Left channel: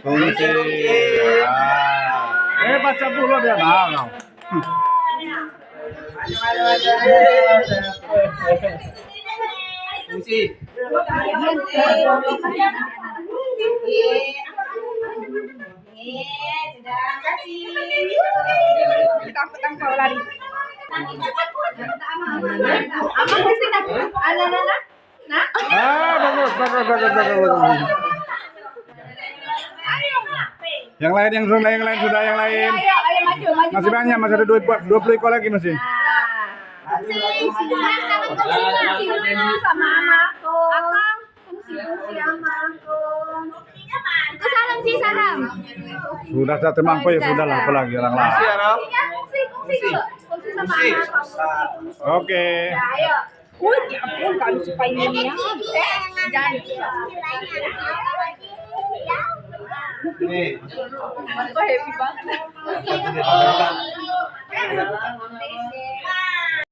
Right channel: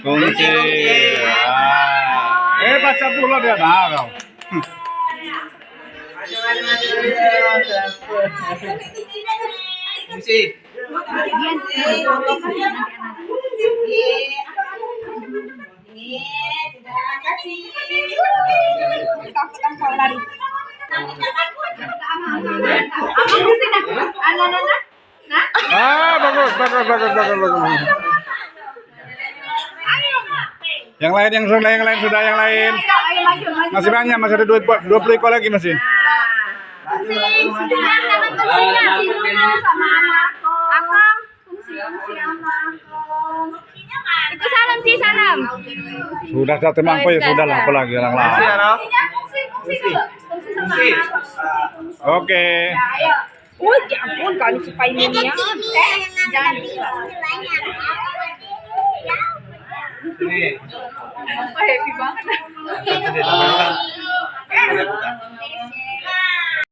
Kunci. Baca pula dia kau. Kunci. Kau lari. Bagus. Yang lain sudah yang lain. Masih banyak, masih ada 20 ekor lagi masih. Sama aku. Ikut salam sih salam. Sudah tak temangku ya sudahlah, apalagi orang lain. Kunci. Oke. Ya ampun kali supaya ini ya. Jangan. Ini. Happy banget.